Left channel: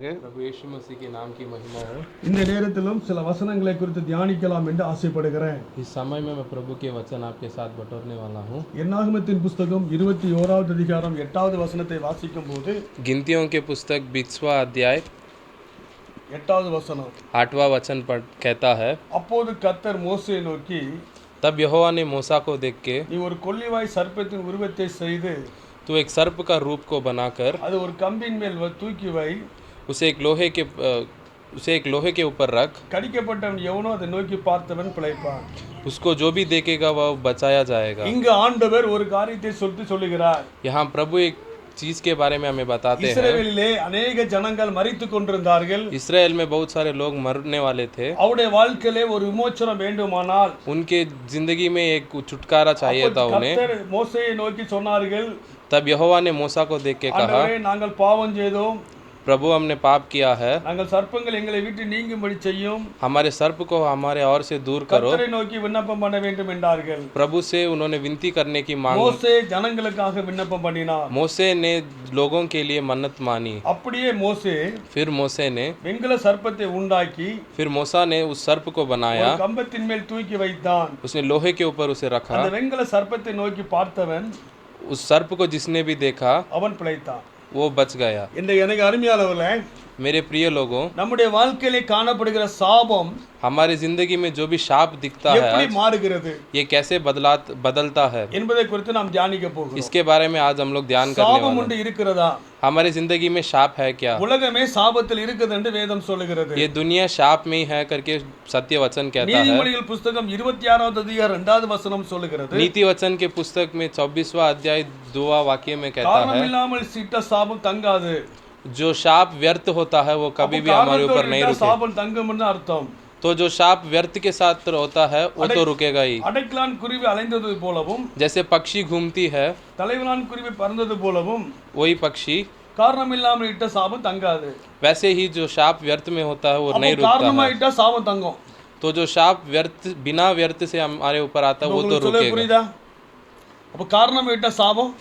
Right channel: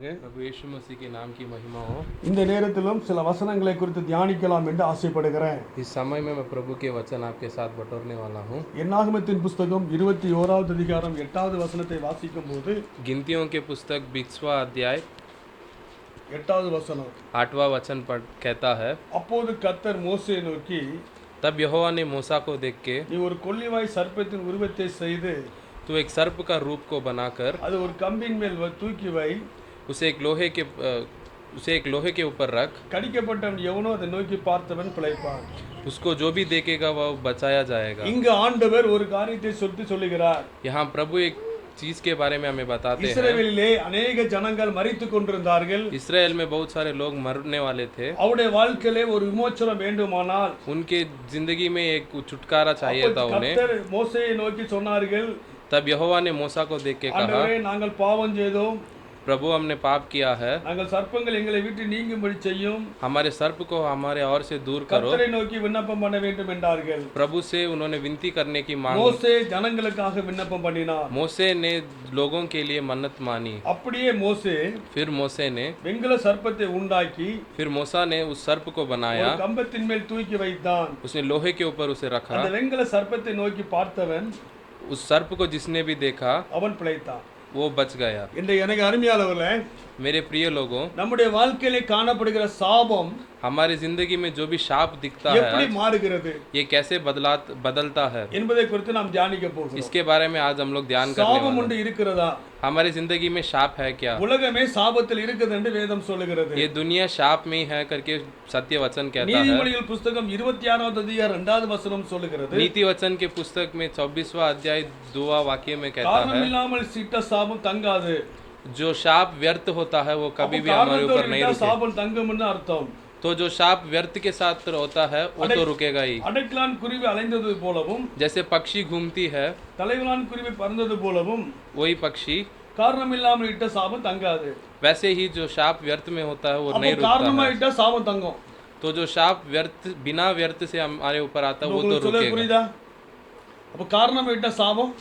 प्रभु यीशु मसीह के नाम की महिमा हो। இந்த நேரத்திலும் சில வசனங்களை குறித்து தியானிக்கலாம் என்று ஆசைப்படுகிறேன். इस समय में मैं प्रभु के वचन आपके साथ बटोरने वाला हूँ। என்னாகமத்தின் புத்தகம் 21வது அதிகாரம் 8வது வசனத்தை வாசிக்கும்போது गिनतियों के पुस्तक 20वां अध्याय 8வது வசனம் 8वां वचन पर कहता है, அப்போது கர்த்தர் மோசேயை நோக்கி, तब यहोवा ने मूसा को देख के, நீ ஒரு கொள்ளிவாய் சர்ப்பத்தின் உருவத்தை செய்து तू एक सर्प का रूप को बनाकर அது ஒரு கம்பின் மேல் தூக்கி வை, उसे एक लोहे के ऊपर रख, கடிக்கப்பட்டவன் எவனோ அதை நோக்கி பார்த்தவன் பிழைப்பான். उसको जो भी देखेगा वह बचाया जाएगा। இங்கு ஆண்டவர் ஒரு காரியத்தை சொல்லுகிறார். यहाँ प्रभु एक चीज के बारे में हमें बताते हैं। இஸ்ரவேலிலே अनेक ஜனங்கள் மரித்துக் கொண்டிருந்தார்கள். इसराइल में बहुत सारे लोग मरने वाले थे। அவருடைய வாழ்க்கையிலே ஒரு விமோச்சனம் வேண்டுமானால் उनके जिंदगी में एक छुटकारा चाहिए था उन्हें। கர்த்தர் மோசேயை நோக்கி சொன்னார்கள், तब यहोवा ने मूसा को देख के कहा, ஆண்டவரே நாங்கள் பாவம் செய்தோம், प्रभु हमने पाप किया है, நாங்கள் சர்ப்பங்கள் எங்களை விட்டு நீங்கும்படி செய்யும், हमारे सर्प को हमारे और से दूर करो। கர்த்தரை நோக்கி விண்ணப்பம் பண்ண வேண்டும் என்றார்கள். प्रभु से उन्होंने विनती करने की मांग। மோசே ஜனங்களுக்காக விண்ணப்பம் பண்ணினார். मोसे ने लोगों के लिए मन्नत मानी। அப்படியே மோசே फिर मोसे ने வெண்கல சர்ப்பத்தை உண்டாக்கி फिर मूसा ने उस सर्प को बनाया, ஒரு கம்பத்தின் மேல் தூக்கி வைத்தான். उसने लोहे के ऊपर उसे रखा। அந்த வெண்கல சர்ப்பத்தை நோக்கி பார்த்தவன் उस सर्प को जिसने भी देखा அவன் பிழைத்தான். वो बच गया। இந்த எனக்கு அருமையானவர்களே, मेरे प्रिय लोगों, நம்முடைய வாழ்க்கையிலே காணப்படுகிற சாபம் हमारी जिंदगी में जो भी शाप दिखता எப்படி है மாறுகிறது ये कैसे बदलता है, என்பதை குறித்து நாம் தியானிக்க போகிறோம். इसके बारे में आज हम लोग ध्यान करने சாபம் वाले ஒன்று हैं। இருக்கிறதா? हमारी जिंदगी में शाप है क्या? உலகமே சாபத்தில் இருக்குது என்று வேதம் சொல்லுகிறது. ये दुनिया शाप में ही है करके सत्य वचन कहता है। நீதிமொழிகள் புத்தகம் 26வது அதிகாரம் 2வது வசனம் சொல்லுகிறது, नीति वचन के पुस्तक में 24वां अध्याय 2वां वाक्य में कहता காரணம் है, இல்லாமல் சிட்ட சாபம் தங்காது. जो शाप व्यर्थ होता है वो कभी भी हमारे ऊपर नहीं रुके। சாபம் தங்கும்னு அர்த்தம். तो जो शाप व्यर्थ के साथ होता है वो तो रुकेगा ही। அடைக்கலான் குருவி அலைந்தது போலவும் जैसे पक्षी घूमती है தலைவலான் குருவி பறந்தது போலவும் वही पक्षी, காரணம் இல்லாமல் இட்ட சாபம் தங்காது. वैसे ही जो शाप व्यर्थ में होता है वो नहीं அப்போ காரணமா रुकता है। இட்ட சாபம் தங்கும். तो जो शाप व्यर्थ बिना व्यर्थ से हमारे ऊपर आता है वो तो உங்களுக்கு சொல்ல रुकेगा। புரியுதா? அப்போ காரணமா இட்ட சாபம்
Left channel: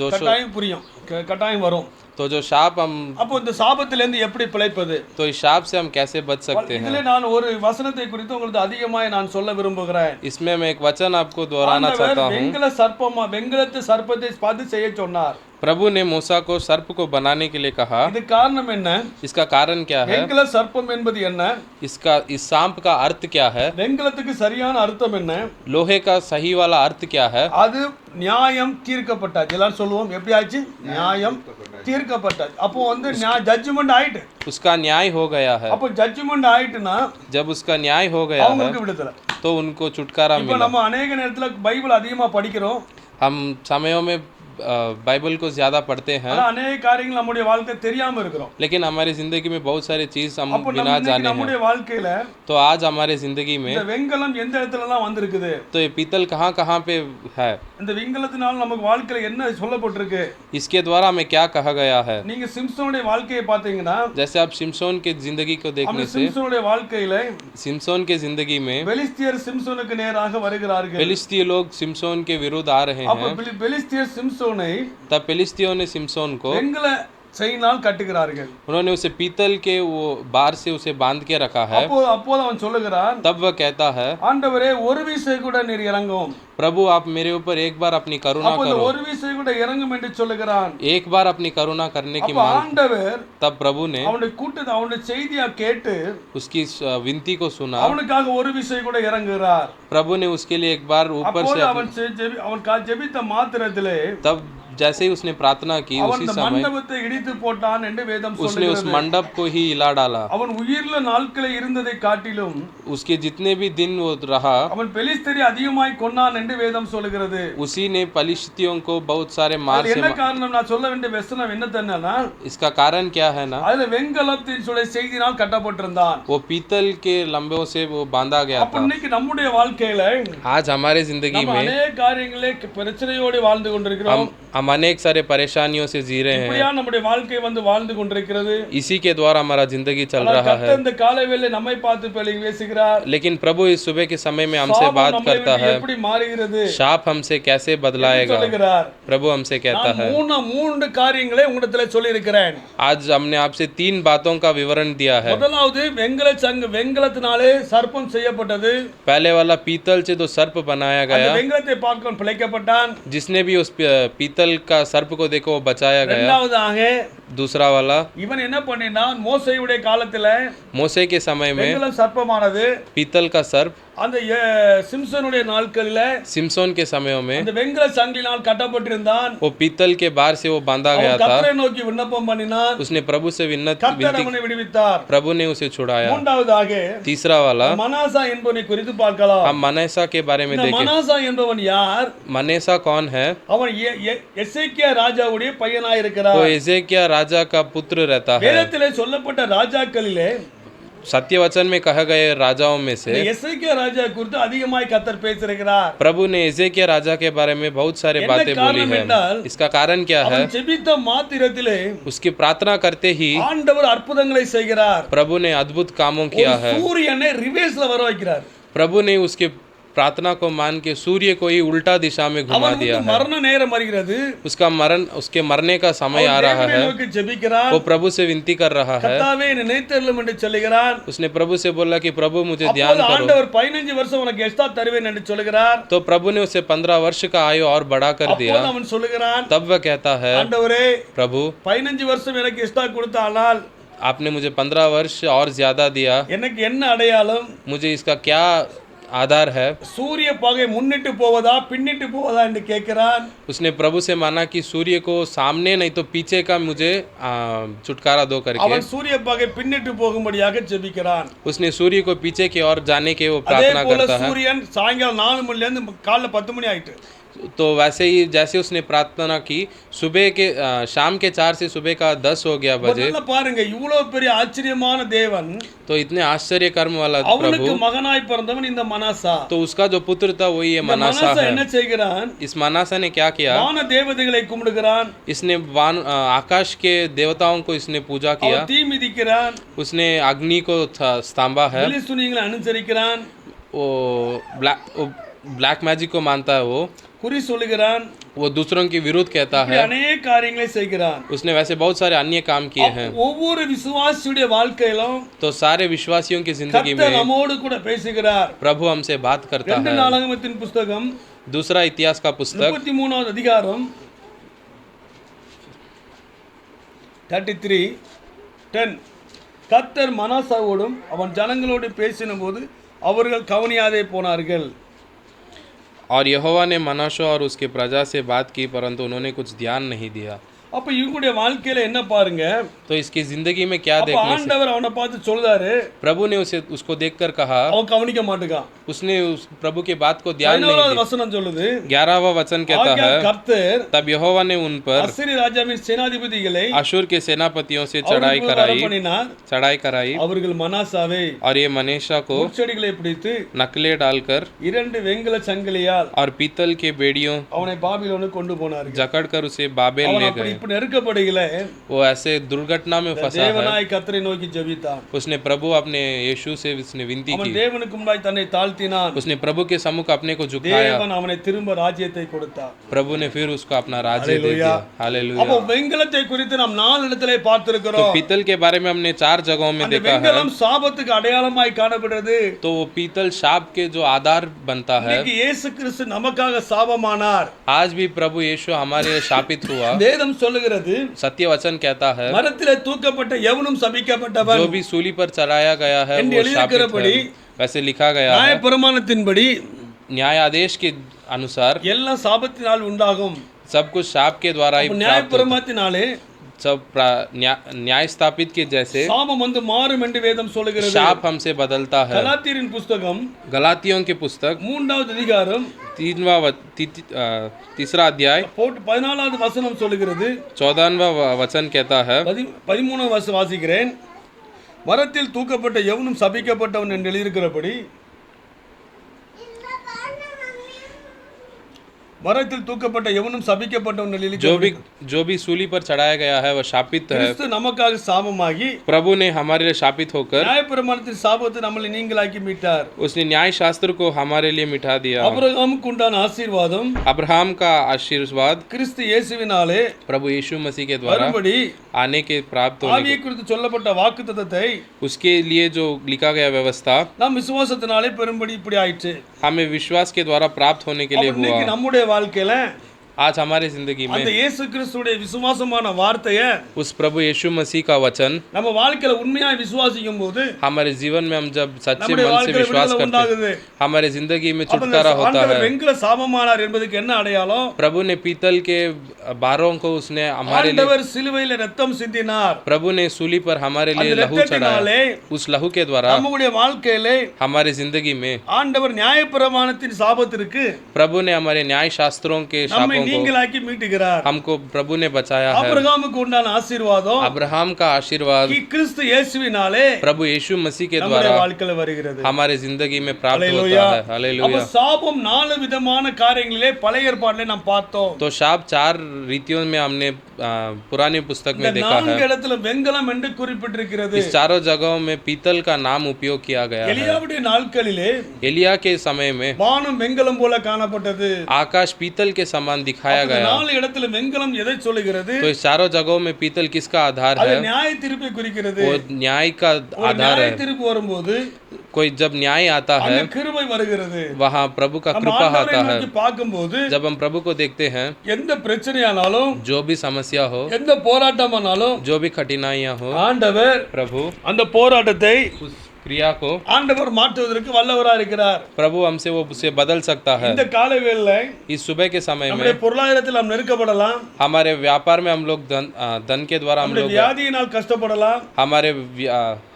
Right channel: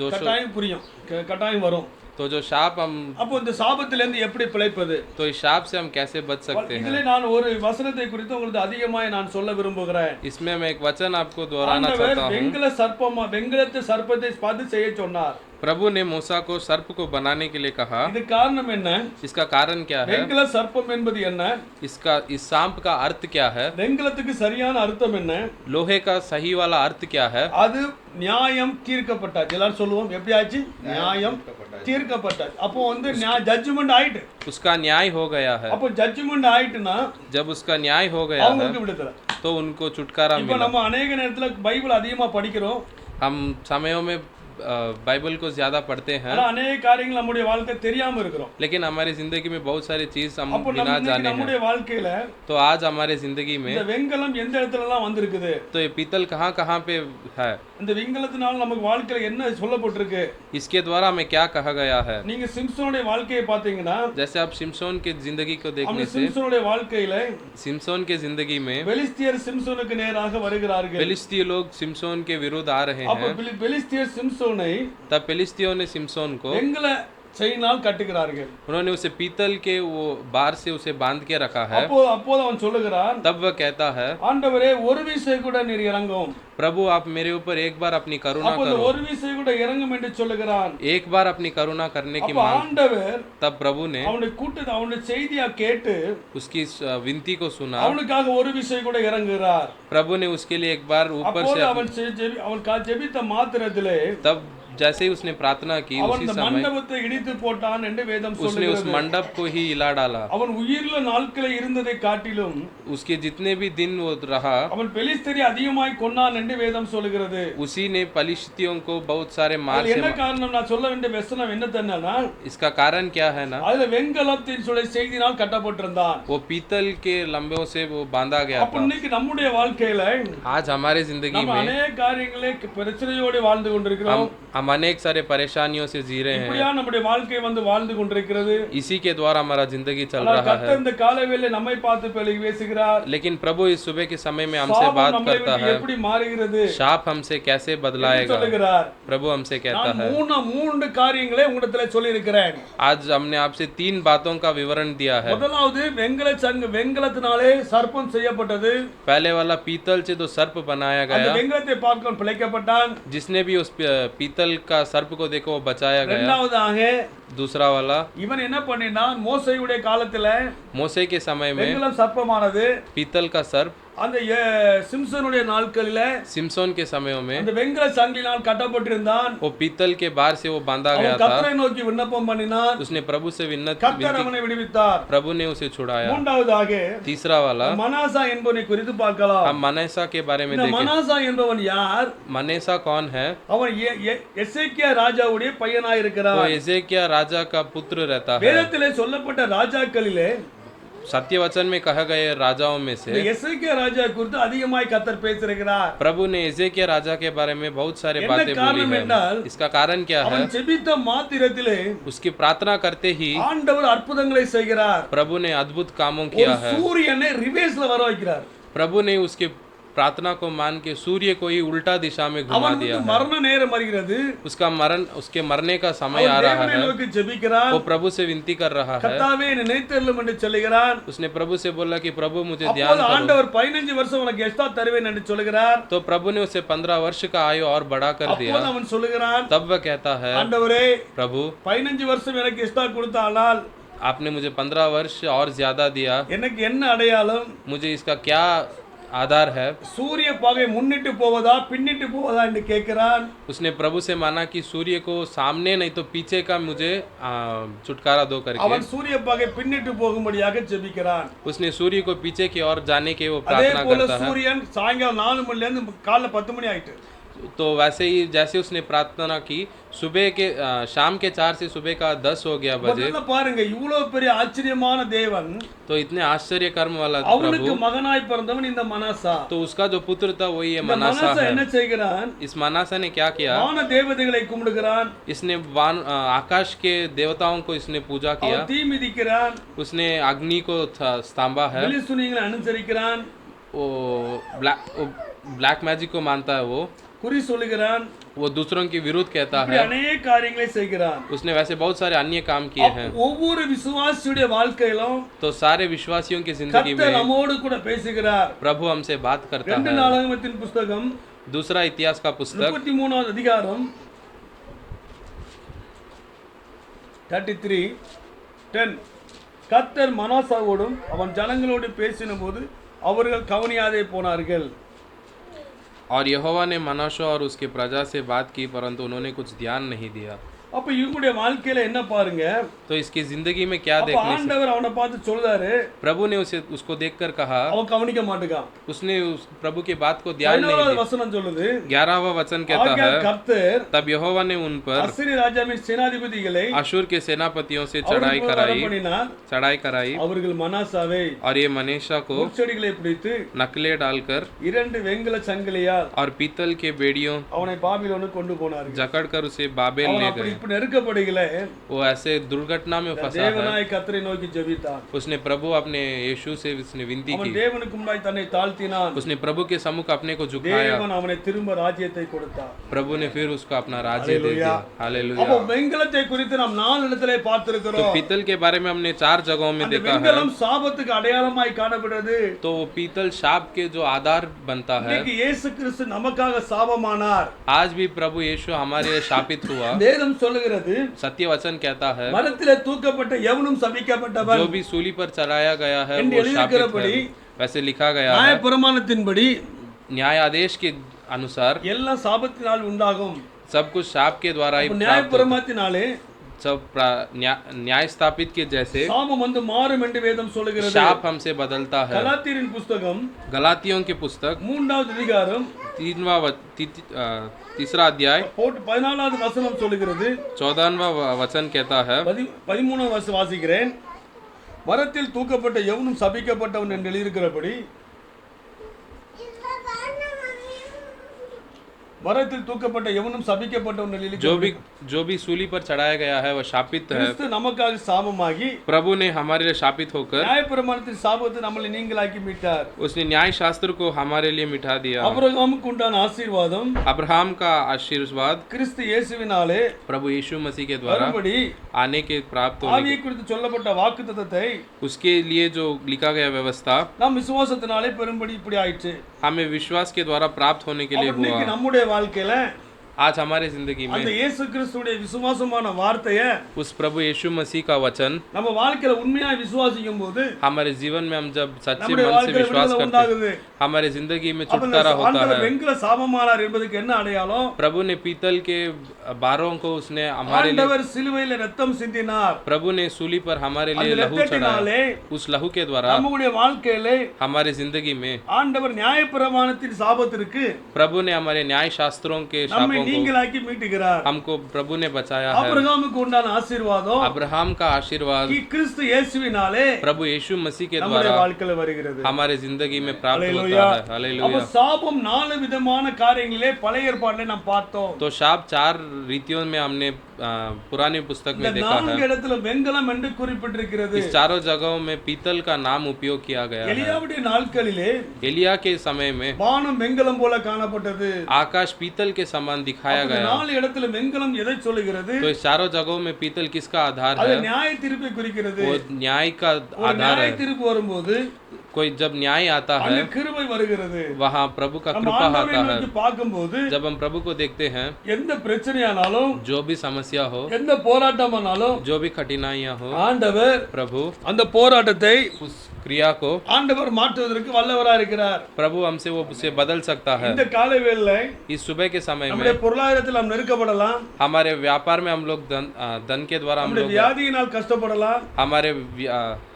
जो கட்டாயம் புரியும், கட்டாயம் வரும். तो जो शाप हम, அப்போ இந்த சாபத்திலிருந்து எப்படி பிழைப்பது? तो इस शाप से हम कैसे बच सकते हैं? இதிலே நான் ஒரு வசனத்தை குறித்து உங்களுக்கு அதிகமாய் நான் சொல்ல விரும்புகிறேன். इसमें मैं एक वचन आपको दोहराना ஆண்டவர் चाहता हूँ। வெண்கலத்து சர்ப்பத்தை பார்த்து செய்ய சொன்னார். प्रभु ने मूसा को सर्प को बनाने के लिए कहा। இது காரணம் என்ன? इसका कारण क्या है? வெண்கல சர்ப்பம் என்பது என்ன? इस सांप का अर्थ क्या है? வெண்கலத்துக்கு சரியான அர்த்தம் என்ன? लोहे का सही वाला अर्थ क्या है? அது நியாயம் தீர்க்கப்பட்டாச்சு. எல்லாரும் சொல்லுவோம், எப்படி ஆச்சு? நியாயம் தீர்க்கப்பட்டாச்சு. அப்போ வந்து ஜட்ஜ்மெண்ட் ஆயிட்டு. उसका न्याय हो गया है। அப்போ ஜட்ஜ்மெண்ட் ஆயிட்டுனா जब उसका न्याय हो गया है அவங்களுக்கு விடுதலை. तो उनको छुटकारा இப்போ मिला। நம்ம अनेक நேரத்துல பைபிள் அதிகமா படிக்கிறோம், हम समयों में बाइबल को ज्यादा पढ़ते हैं, ஆனா अनेक காரியங்கள் நம்முடைய வாழ்க்கை தெரியாம இருக்கிறோம். लेकिन हमारी जिंदगी में बहुत सारी चीज हम அப்போ बिना जाने நம்முடைய हैं। வாழ்க்கையில तो आज हमारे जिंदगी में இந்த வெண்கலம் எந்த இடத்துலலாம் வந்திருக்குது? तो ये पीतल कहाँ कहाँ पे है? இந்த வெண்கலத்தினால நமக்கு வாழ்க்கையில என்ன சொல்லப்பட்டிருக்கு? इसके द्वारा हमें क्या कहा गया है? நீங்க சிம்சோனுடைய வாழ்க்கையை பாத்தீங்கன்னா, जैसे आप सिमसोन के जिंदगी को देखने அந்த से, சிம்சோனுடைய வாழ்க்கையில सिमसोन के जिंदगी में பெலிஸ்தியர் சிம்சோனுக்கு நேராக வருகிறார்கள். फिलिस्तीय लोग सिमसोन के विरुद्ध आ रहे அப்ப हैं। பெலிஸ்தியர் सिमसोனை तब फिलिस्तियों ने सिमसोन को, வெண்கல செயினால் கட்டுகிறார்கள். उन्होंने उसे पीतल के वो बार से उसे बांध के रखा है। அப்போது அவன் சொல்லுகிறான், तब वह कहता है, ஆண்டவரே ஒரு விசை கூட நீர் இறங்கும். प्रभु आप मेरे ऊपर एक बार अपनी करुणा அப்போ करो। ஒரு விசை கூட இறங்கும் என்று சொல்லுகிறான். एक बार अपनी करुणा करने की அப்ப मांग। ஆண்டவர் तब प्रभु ने அவனுடைய கூட்டத்தை அவனுடைய செய்தியா கேட்டு उसकी विनती को सुना। அவனுக்காக ஒரு விசை கூட இறங்குகிறார். प्रभु ने उसके लिए एक बार ऊपर அப்போது से அவன் ஜெபித்த மாத்திரத்திலே तब जैसे ही उसने प्रार्थना की அவன் उसी அந்த समय மண்டபத்தை இடித்து போட்டான் என்று வேதம் उसने उस சொல்லுகிறது. मंडप को ही हिला डाला। அவன் உயிர்ல நாட்களை இருந்ததை காட்டிலும் उसके जितने भी दिन वो रहा அவன் பெலிஸ்தரை அதிகமாய் கொன்னான் என்று வேதம் சொல்லுகிறது. उसी ने पलिश्तियों को बहुत सारे मार அதுல से என்ன காரணம்? நான் சொல்ல வேண்டிய வசனம் என்ன தெரியுமா? इसका कारण क्या है ना, அதுல வெண்கலத்தின் செய்தினால் கட்டப்பட்டிருந்தான். वो पीतल के लंबों से वो बांधा गया அப்ப था। இன்னைக்கு நம்முடைய வாழ்க்கையில आज हमारे जिंदगी நம்ம में अनेक காரியங்களே பிரச்சனையோடு வாழ்ந்து கொண்டிருக்கிறோம். हम अनेक सारे परेशानियों से जी रहे हैं, இப்படியா நம்முடைய வாழ்க்கை வந்து வாழ்ந்து கொண்டிருக்கிறது. इसी के द्वारा हमारा जिंदगी चल ஆனால் रहा கர்த்தர் है। இந்த காலைவேளை நம்மை பார்த்து பலகி பேசுகிறார். लेकिन प्रभु इस सुबह के समय में हमसे சாபம் बात நம்மை करता விட்டு है, எப்படி மாறுகிறது शाप हमसे कैसे என்று बदलाएगा। சொல்லுகிறார். प्रभु हमसे कहता நான் है, மூன்று காரியங்களை உங்களிடத்திலே சொல்லி இருக்கிறேன். आज हमने आपसे 3 बातों का विवरण दिया है। முதலாவது வெண்கலத்தினாலே சர்ப்பம் செய்யப்பட்டது. पहले वाला पीतल से जो सर्प बनाया அந்த गया, வெண்கலத்தை பார்க்க பிழைக்கப்பட்டான். जिसने भी उस पीतल का सर्प को देखो वो बचाया गया। இரண்டாவதாக दूसरा वाला, இவன் என்ன பண்ணினான், மோசேயுடைய காலத்துல मोसे के समय में வெண்கலம் சர்ப்பமானது पीतल का सर्प, அந்த சிம்சனுடைய நாட்களில सिमसोन के समयों में அந்த வெண்கல சங்கிலினால் கட்டப்பட்டிருந்தான். वो पीतल के बार से वो बांधा गया அவன் था। கர்த்தரை நோக்கி விண்ணப்பம் பண்ணினான். उसने प्रभु से கர்த்தர் विनती, அவனை விடுவித்தார். प्रभु ने उसे छुड़ाया। மூன்றாவதாக तीसरा वाला, மனாசா என்பவனை குறித்து பார்க்கலாம். हम मनेसा के बारे में இந்த देखें। மனாசா என்பவன் யார்? मनेसा कौन है? அவன் எசேக்கியா ராஜாவுடைய பையனாய் இருக்கிறார். वो एजेकिया राजा का पुत्र रहता है। வேதத்திலே சொல்லப்பட்ட ராஜாக்களிலே सत्य वचन में कहा गए राजाओं में இந்த से எசேக்கியா ராஜா குறித்து அதிகமாய் கர்த்தர் பேசியிருக்கிறார். प्रभु ने एजेकिया राजा के बारे में बहुत सारे என்ன बातें बोली காரணம் है। என்றால், इसका कारण क्या है? அவன் ஜெபித்த மாத்திரத்திலே उसकी प्रार्थना करते ही ஆண்டவர் அற்புதங்களை செய்கிறார். प्रभु ने अद्भुत कामों ஒரு किया है। சூரியனை ரிவர்ஸ்ல வர வைக்கிறார். प्रभु ने उसके प्रार्थना को मान के सूर्य को ही उल्टा दिशा में घुमा அவனுக்கு दिया है। மரண நேரம் வருகிறது. उसके मरने का समय आ रहा தேவனை है। நோக்கி ஜெபிக்கிறான். वो प्रभु से विनती कर रहा है। கர்த்தாவே என்னை நினைத்தருளும் என்று சொல்லுகிறான். उसने प्रभु से बोला कि प्रभु मुझे ध्यान அப்போது करो। ஆண்டவர் 15 வருஷம் உனக்கு எக்ஸ்ட்ரா தருவேன் என்று சொல்லுகிறார். तो प्रभु ने उसे 15 वर्ष का आयु और बढ़ा कर दिया। அப்போது அவன் சொல்லுகிறான், तब वह कहता है, ஆண்டவரே प्रभु 15 வருஷம் எனக்கு எக்ஸ்ட்ரா கொடுத்தானால் आपने मुझे 15 वर्ष और ज्यादा दिया, எனக்கு என்ன அடையாளம்? मुझे इसका क्या आधार है? சூரிய பகை முன்னிட்டு போவதா பின்னிட்டு போவதா என்று கேட்கிறான். उसने प्रभु से माना कि सूर्य को सामने नहीं तो पीछे का मुझे छुटकारा दो करके। அவன் சூரிய பகை பின்னிட்டு போகும்படியாக ஜெபிக்கிறான். उसने सूर्य को पीछे की ओर जाने के वो அதே प्रार्थना போல करता है। சூரியன் சாயங்காலம் 4 மணில இருந்து காலைல 10 மணி ஆயிட்டு. तो वैसे ही जैसे उसने प्रार्थना की, सुबह के शाम के 4 से सुबह का 10 हो गया बजे। முதல்ல பாருங்க, இவ்வளவு பெரிய ஆச்சரியமான தேவன், तो इतने आश्चर्य कर्म वाला அவனுக்கு प्रभु, மகனாய் பிறந்தவன் இந்த மனாசா. तो उसका जो पुत्र था वो ये இந்த मनासा மனாசா என்ன है। செய்கிறான்? इस मनासा ने क्या किया? வான தேவதைகளை கும்பிடுகிறான். इसने आकाश के देवताओं को इसने पूजा किया। அவன் தீ மிதிக்கிறான். उसने अग्नि को स्तंभा है। பிலிஸ்தீனியர்களை அனுசரிக்கிறான். वो ब्लैक मैजिक को मानता है। वो குறி சொல்லுகிறான். वो दूसरों के विरुद्ध कहता இப்படி है। अनेक காரியங்களை செய்கிறான். उसने वैसे बहुत सारे अन्य काम किए हैं। ஒவ்வொரு விசுவாசியுடைய வாழ்க்கையிலும் तो सारे विश्वासियों की जिंदगी கர்த்தர் में நம்மோடு கூட பேசுகிறார். प्रभु हमसे बात करता 2 है। நாளாகமத்தின் புத்தகம் दूसरा इतिहास का पुस्तक 33வது அதிகாரம் 33:10. கர்த்தர் மனாசாவோடும் அவன் ஜனங்களோடு பேசினபோது அவர்கள் கவனியாதே போனார்கள். और यहोवा ने मनाशे और उसके प्रजा से बात की, परंतु उन्होंने कुछ ध्यान नहीं दिया। அப்ப இவங்களுடைய வாழ்க்கையில என்ன பாருங்க, तो इसकी जिंदगी में क्या அப்ப देखने से ஆண்டவர் அவனை பார்த்து சொல்றாரு, प्रभु ने उसको देखकर कहा, அவன் கவனிக்க மாட்டேங்கான். उसने उस प्रभु की बात को ध्यान नहीं 11வது दिया। வசனம் சொல்லுது, 11वां वचन कहता ஆகையால் है, கர்த்தர் तब यहोवा ने उन पर அசீரிய ராஜாவின் சேனாதிபதிகளை अशूर के सेनापतियों से அவர்களுக்கு வரப்பண்ணினார். चढ़ाई कराई அவர்கள் மனாசாவை और ये मनेशा को முட்செடிகளை பிடித்து नकले डालकर 2 வெண்கல சங்கிலியால் और पीतल के बेड़ियों அவனை பாபிலோனுக்கு கொண்டு போனார்கள். जकड़कर उसे बाबेल அவன் ले அப்படி गए। இப்ப நெருக்கப்படுகிற वो ऐसे दुर्घटना में फंसा है। தேவனாய் கர்த்தரை நோக்கி ஜெபித்தான். उसने प्रभु अपने यीशु से उसने विनती அவன் की। தேவனுக்கு முன்னாடி தன்னை தாழ்த்தினான். उसने प्रभु के सम्मुख अपने को झुकाया। தேவன் அவனை திரும்ப ராஜ்யத்தை கொடுத்தார். प्रभु ने फिर उसको अपना राज्य दे दिया। அப்போ हालेलुया। வெண்கலத்தை குறித்து நாம் 4 இடத்திலே तो பார்த்திருக்கிறோம். पीतल के बारे में हमने 4 जगहों में அந்த देखा है। வெண்கலம் சாபத்துக்கு அடையாளமாய் காணப்படுகிறது. तो वो पीतल शाप के जो आधार बनता है। இன்னைக்கு இயேசு கிறிஸ்து நமக்காக சாபமானார். आज भी प्रभु यीशु हमारे शापित हुआ। வேதம் சொல்லுகிறது, सत्य वचन कहता है, மரத்திலே தூக்கப்பட்ட எவனும் சபிக்கப்பட்டவன். जो भी सूली पर चढ़ाया गया है என்று वो शापित எழுதியிருக்கிறபடி है। वैसे लिखा गया है, நியாயப்பிரமாணத்தின்படி न्यायादेश के अनुसार எல்லாம் சாபத்தினால் உண்டாகும். सब कुछ शाप के द्वारा ही प्राप्त होता है। நியாயப்பிரமாணத்தினாலே सब न्याय स्थापित के जैसे சாபம் வந்து மாறும் என்று வேதம் சொல்லுகிறது. शाप हमसे बदलता है। கலாத்தியரின் புத்தகம் गलातियों की पुस्तक 3வது அதிகாரம் 3रा अध्याय 14வது வசனம் சொல்லுகிறது. 14वां वचन कहता है, 13வது வசனம் வாசிக்கிறேன். மரத்தில் தூக்கப்பட்ட எவனும் சபிக்கப்பட்டவன் என்று எழுதியிருக்கிறபடி மரத்தில் தூக்கப்பட்ட எவனும் சபிக்கப்பட்டவன் நிலையில் जो भी सूली पर चढ़ाया गया है वह शापित है। கிறிஸ்து நமக்காக சாபமாகி प्रभु ने हमारे लिए शापित होकर நியாயப்பிரமாணத்தின் சாபத்தை நம்மளை நீங்களாக்கி மீட்டார். उसने न्याय शास्त्र को हमारे लिए मिटा दिया। ஆபிரகாமுக்கு உண்டான ஆசீர்வாதம் अब्राहम का आशीर्वाद கிறிஸ்து இயேசுவினாலே प्रभु यीशु मसीह के द्वारा மறுபடி आने के प्राप्त होने ஆவியை குறித்து சொல்லப்பட்ட வாக்குத்தத்தத்தை उसके लिए जो लिखा गया व्यवस्था நாம் விசுவாசத்தினாலே பெரும்படி இப்படி ஆயிற்று. हमें विश्वास के द्वारा प्राप्त होने के लिए हुआ। இன்னைக்கு நம்முடைய வாழ்க்கையில आज हमारे जिंदगी அந்த में இயேசு கிறிஸ்துடைய விசுவாசமான வார்த்தையை उस प्रभु यीशु मसीह का वचन நம்ம வாழ்க்கையில உண்மையாய் விசுவாசிக்கும் போது हमारे जीवन में हम जब सच्चे நம்முடைய मन से வாழ்க்கையில विश्वास விடுதலை करते हैं உண்டாகுது. हमारे जिंदगी में அப்ப இந்த छुटकारा होता ஆண்டவர் है। வெண்கல சாபமானார் என்பதுக்கு என்ன அடையாளம்? प्रभु ने पीतल के बारों को उसने हमारे लिए, ஆண்டவர் சிலுவையில ரத்தம் சிந்தினார். प्रभु ने सूली पर हमारे लिए அந்த लहू चढ़ाया। ரத்தத்தினாலே उस लहू के द्वारा நம்முடைய வாழ்க்கையிலே हमारे जिंदगी में ஆண்டவர் நியாயப்பிரமாணத்தின் சாபத்திற்கு प्रभु ने हमारे न्याय शास्त्रों के நம்மை शापों को நீங்களாக்கி மீட்டுகிறார். हमको प्रभु ने बचाया है। ஆபிரகாமுக்கு உண்டான ஆசீர்வாதம் अब्राहम का आशीर्वाद கிறிஸ்து இயேசுவினாலே प्रभु यीशु मसीह के நம்முடைய द्वारा வாழ்க்கையில வருகிறது. हमारे जिंदगी में प्राप्त हालेलुया. होता है। அப்ப हालेलुया। சாபம் 4 விதமான காரியங்களிலே பழைய ஏற்பாட்டிலே நாம் பார்த்தோம். तो शाप 4 रीतियों में हमने पुरानी पुस्तक में இந்த देखा है। 4 இடத்துல வெண்கலம் என்று குறிப்பிட்டிருக்கிறது. इस चारों जगहों में पीतल का नाम उपयोग किया गया है। எலியாவுடைய நாட்களிலே एलिया के समय में வானம் வெண்கலம் போல காணப்பட்டது. आकाश पीतल के समान दिखाया இந்த गया। 4 இடத்துல வெண்கலம் எதை சொல்லுகிறது? तो इस चारों जगहों में पीतल किसका आधार அது है? நியாய தீர்ப்பை குறிக்கிறது. वो न्याय का ஒரு आधार நியாய है। தீர்ப்பு வரும்போது कोई जब न्याय आता அங்க है கிருபை வருகிறது. वहाँ प्रभु का நம்ம कृपा ஆண்டவரை आता है। நோக்கி பார்க்கும்போது जब हम प्रभु को देखते हैं, எந்த பிரச்சனையானாலும் जो भी समस्या हो, எந்த போராட்டமானாலும் जो भी कठिनाइयां हो, ஆண்டவர் प्रभु அந்த போராட்டத்தை उस क्रिया को ஆண்டவர் மாற்றுவதற்கு வல்லவராக இருக்கிறார். प्रभु हमसे वो उसे बदल सकता है। இந்த காலவேளையில इस सुबह के समय நம்முடைய में பொருளாதாரத்தில் நாம் நெருக்கப்படலாம், हमारे व्यापार में हम लोग धन के द्वारा हम நம்முடைய लोग வியாதியினால் கஷ்டப்படலாம்,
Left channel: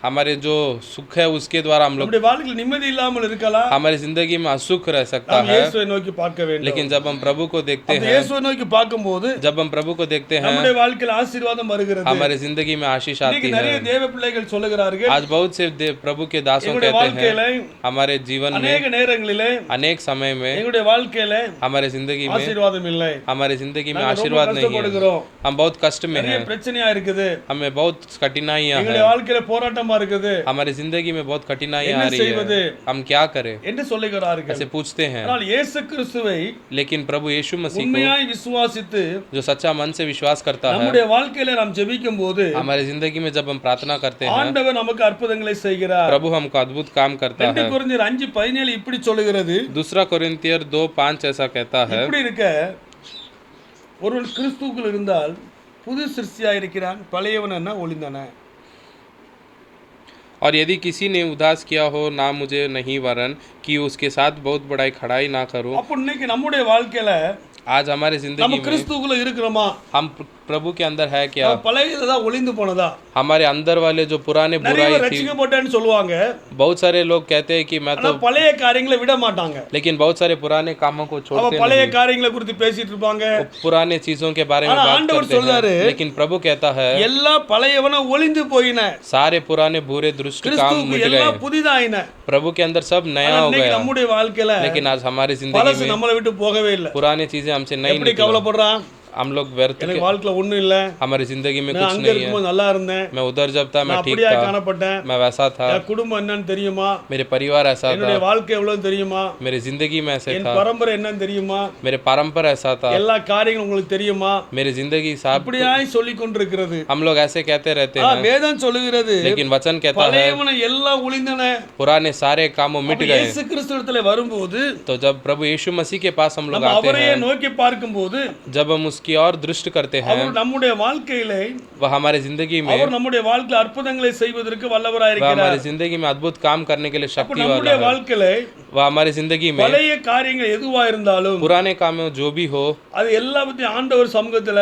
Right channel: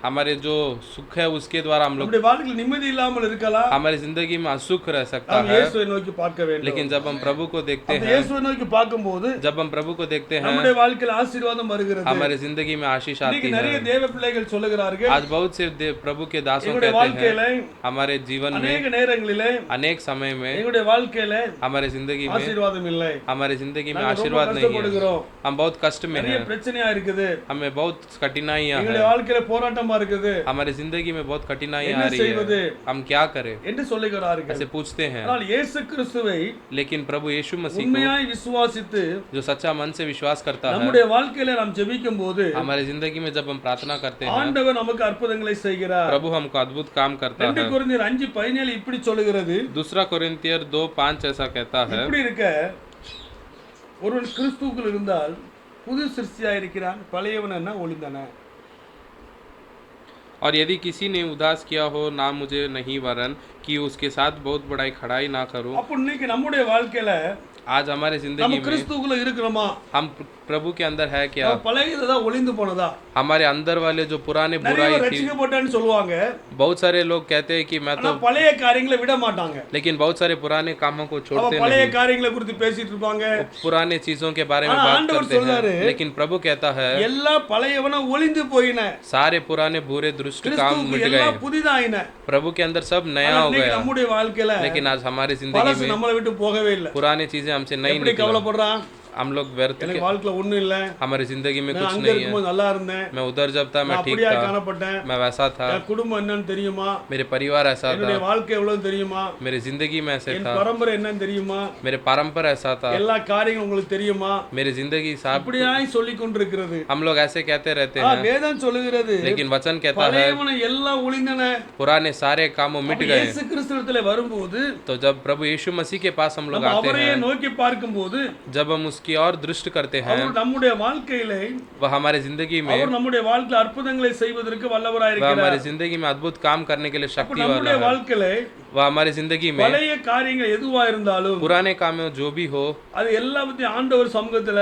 हमारे जो सुख है उसके द्वारा हम लोग, நம்முடைய வாழ்க்கையில் நிம்மதி இல்லாமல் இருக்கலாம். हमारी जिंदगी में असुख रह सकता நாம் है। இயேசுவை நோக்கி பார்க்க வேண்டும். लेकिन जब हम प्रभु को देखते அந்த हैं, இயேசுவை நோக்கி பார்க்கும்போது जब हम प्रभु को देखते हैं, நம்முடைய வாழ்க்கையில் ஆசீர்வாதம் வருகிறது. हमारे जिंदगी में आशीष आती இன்னைக்கு है। நிறைய தேவ பிள்ளைகள் சொல்லுகிறார்கள், आज बहुत से प्रभु के दासों எங்களுடைய कहते வாழ்க்கையில हैं, हमारे जीवन में அநேக நேரங்களிலே अनेक समय में, எங்களுடைய வாழ்க்கையில हमारे जिंदगी में, ஆசீர்வாதம் இல்லை, हमारे जिंदगी में நாங்க ரொம்ப आशीर्वाद नहीं है। கஷ்டப்படுகிறோம், हम बहुत कष्ट में நிறைய हैं, பிரச்சனையா இருக்குது, हमें बहुत कठिनाइयां எங்களுடைய हैं, வாழ்க்கையில போராட்டமா இருக்குது, हमारी जिंदगी में बहुत कठिनाइयां என்ன आ रही செய்வது है, हम क्या करें என்று சொல்லுகிறார்கள். ऐसे पूछते हैं। ஆனால் இயேசு கிறிஸ்துவை लेकिन प्रभु यीशु मसीह को உண்மையாய் விசுவாசித்து जो सच्चा मन से विश्वास करता है, நம்முடைய வாழ்க்கையில நாம் ஜெபிக்கும் போது हमारे जिंदगी में जब हम प्रार्थना करते हैं, ஆண்டவர் நமக்கு அற்புதங்களை செய்கிறார். प्रभु हमको अद्भुत काम करता 2 है। கொரிந்தியர் 5:17 இப்படி சொல்லுகிறது. दूसरा कोरिन्थियर 2:5 ऐसा कहता है, இப்படி இருக்க ஒருவன் கிறிஸ்துவுக்குள் இருந்தால் புது சிருஷ்டியா இருக்கிறான், பழையவன் என்ன ஒளிந்தன. और यदि किसी ने उदास किया हो ना मुझे नहीं वरन कि उसके साथ बहुत बड़ाई खड़ाई ना करूं। அப்ப இன்னைக்கு நம்முடைய வாழ்க்கையில आज हमारे நம்ம जिंदगी में கிறிஸ்துவுக்குள்ள இருக்கிறோமா? हम प्रभु के अंदर है क्या? பழையதா ஒளிந்து போனதா? हमारे अंदर वाले जो पुराने நிறைய बुराई थी, ரட்சிக்கப்பட்டேன்னு சொல்லுவாங்க, बहुत सारे लोग कहते हैं कि मैं ஆனா तो, பழைய காரியங்களை விட மாட்டாங்க. लेकिन बहुत सारे पुराने कामों को அவ छोड़ते பழைய नहीं, காரியங்களை குறித்து பேசிட்டு இருப்பாங்க. वो पुराने चीजों के बारे में ஆனா बात ஆண்டவர் करते சொல்றாரு, हैं। लेकिन प्रभु कहता है எல்லா பழையவன ஒளிந்து போயின, सारे पुराने बुरे दुष्ट काम கிறிஸ்துவுக்கு मिट எல்லாம் गए, புதிதாயின. प्रभु के अंदर सब नया हो இன்னைக்கு गया। நம்முடைய வாழ்க்கையில लेकिन आज हमारी जिंदगी பழசு में நம்மளை விட்டு போகவே இல்லை. पुरानी चीजें हमसे नहीं எப்படி निकला। கவலைப்படுறான்? हम लोग व्यर्थ எனக்கு வாழ்க்கையில ஒண்ணும் இல்ல, हमारी जिंदगी में நான் कुछ அங்க नहीं है, இருக்கும்போது நல்லா இருந்தேன், मैं उधर जब था मैं நான் ठीक அப்படியா था, காணப்பட்டேன், मैं वैसा था, என் குடும்பம் என்னன்னு தெரியுமா, मेरे परिवार ऐसा என்னுடைய था, வாழ்க்கை எவ்வளவு தெரியுமா, मेरी जिंदगी में ऐसे என் था, பரம்பரை என்னன்னு தெரியுமா, मेरे परंपरा ऐसा था, எல்லா காரியங்களும் உங்களுக்கு தெரியுமா, मेरी जिंदगी साहब। இப்படியாய் சொல்லிக் கொண்டிருக்கிறது. हम लोग ऐसे कहते रहते हैं, வேதம் சொல்லுகிறது, लेकिन वचन कहता है பழையவன எல்லாம் ஒளிந்தன. पुराने सारे कामों मिट அப்ப गए। இயேசு கிறிஸ்துவிடத்துல வரும்போது, तो जब प्रभु यीशु मसीह के पास हम लोग நம்ம आते அவரையே हैं, நோக்கி பார்க்கும்போது, जब हम उसकी और दृष्टि करते हैं, அவர் நம்முடைய வாழ்க்கையிலே, वह हमारे जिंदगी में, அவர் நம்முடைய வாழ்க்கையில் அற்புதங்களை செய்வதற்கு வல்லவராய் वह இருக்கிறார். हमारी जिंदगी में अद्भुत काम करने के लिए அப்ப शक्ति वाला நம்முடைய है। வாழ்க்கையில वह हमारी जिंदगी में பழைய காரியங்கள் எதுவா இருந்தாலும் पुराने काम में जो भी हो, அது எல்லாத்தையும் ஆண்டவர் சமூகத்துல,